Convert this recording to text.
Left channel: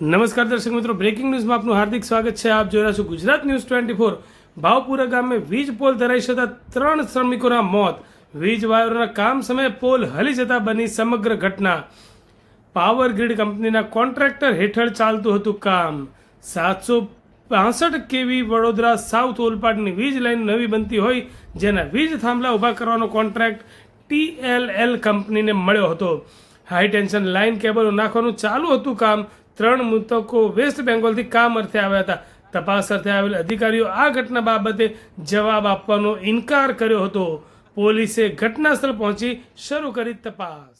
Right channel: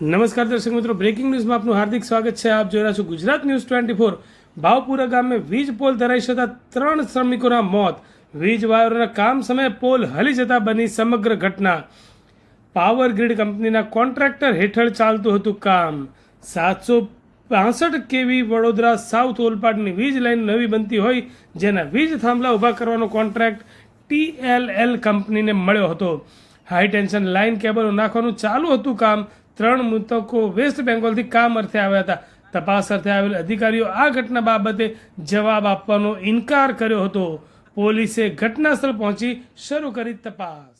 નમસ્કાર દર્શક મિત્રો, બ્રેકિંગ ન્યૂઝમાં આપનું હાર્દિક સ્વાગત છે. આપ જોઈ રહ્યા છો ગુજરાત ન્યૂઝ 24. ભાવપુરા ગામે વીજ પોલ ધરાઈ જતા 3 શ્રમિકોના મોત. વીજ વાયરોના કામ સમયે પોલ હલી જતા બની સમગ્ર ઘટના. પાવર ગ્રીડ કંપનીના કોન્ટ્રાક્ટર હેઠળ ચાલતું હતું કામ. 765 કેવી વડોદરા સાઉથ ઓલપાડની વીજ લાઇન નવી બનતી હોય જેના વીજ થાંભલા ઊભા કરવાનો કોન્ટ્રાક્ટ TLL કંપનીને મળ્યો હતો. હાઈ ટેન્શન લાઇન કેબલો નાખવાનું ચાલુ હતું કામ. 3 મૃતકો વેસ્ટ બેંગોલથી કામ અર્થે આવ્યા હતા. તપાસ અર્થે આવેલ અધિકારીઓ આ ઘટના બાબતે જવાબ આપવાનો ઇનકાર કર્યો હતો. પોલીસે ઘટના સ્થળ પહોંચી શરૂ કરી તપાસ.